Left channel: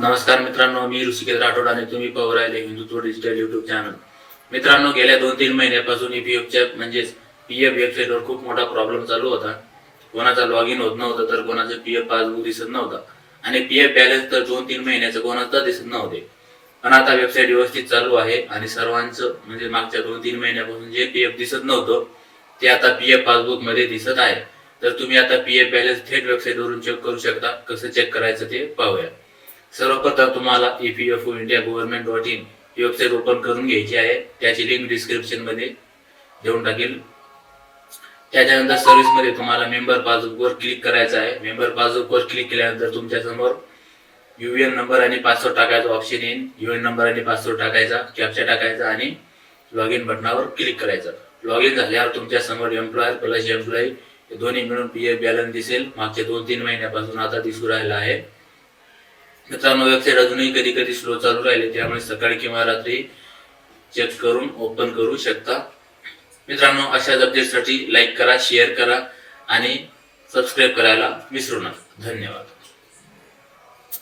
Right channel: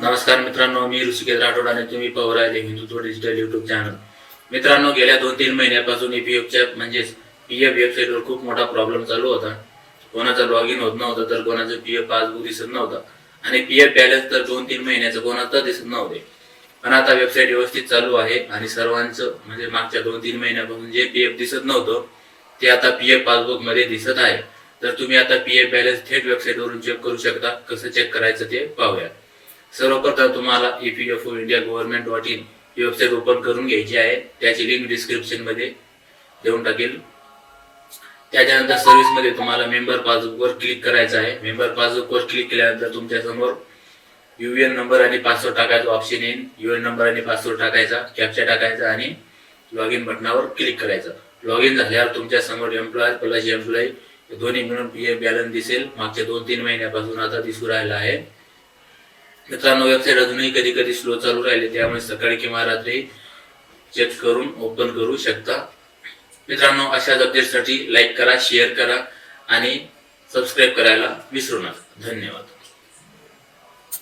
नमस्कार मित्रांनो मी ऋषिकेश राठोड आणि तुम्ही पाहू राहिले हिंदुत्व डिजिटल युट्यूब चॅनल मित्रांनो गेल्या दोन तीन महिन्यापासून ईपीएफच्या म्हणजेच पीएफ वेबसाईटवर खूप मोठा प्रॉब्लेम चालू होता. कोणाचा लॉग इन होत नव्हतं तर कोणाचं पीएफ पासबुक दिसत नव्हतं. आणि पीएफ बॅलन्स तर दोन तीन महिन्याचं कोणाचं दिसत नव्हते. पण आता वेबसाईट व्यवस्थित चालू आहे आणि सर्वांचं म्हणजे मागच्या दोन तीन महिन्यापासून जे पीएफ दिसत नव्हतं ते आता पीएफ पासबुकमध्ये दिसत आहे. तर तुम्ही आता पीएफ बॅलन्स थेट वेबसाईटवरून चेक करू शकता. कसं चेक करायचं ते पाहूया. सर्वप्रथम तुम्हाला E EPFO India government dot in he website open करून घ्यायची आहे. त्याची लिंक डिस्क्रिप्शनमध्ये देऊन टाकेल. त्याच्यानंतर सर्व्हिसमध्ये तुम्हाला मेंबर पासबुकवर क्लिक करायचं आहे. मेंबर पासबुकवर क्लिक केल्यानंतर तुमच्यासमोर एन नंबर आणि पासवर्ड टाकायचा ऑप्शन येईल एन नंबर आणि पासवर्ड टाकायचा कॅप्चा टाकायचा आणि लॉग इन बटनावर क्लिक करायचं. लॉग इन झाल्यावर तुमच्यासमोर एम्प्लॉयर प्लस एम्प्लॉई दोन्ही मिळून पी एफ बॅलन्स दिसेल. मागच्या दोन तीन महिन्यापासून आता दिसू राहिला आहे. मित्रांनो वेबसाईट अजूनही कधी कधी स्लो चालू राहिले त्यामुळे सकाळी किंवा रात्री चेक करून ओपन करू शकता. मित्रांनो अशाच अपडेटसाठी लाईक करा शेअर करा आणि सबस्क्राईब करायला विसरू नका. धन्यवाद.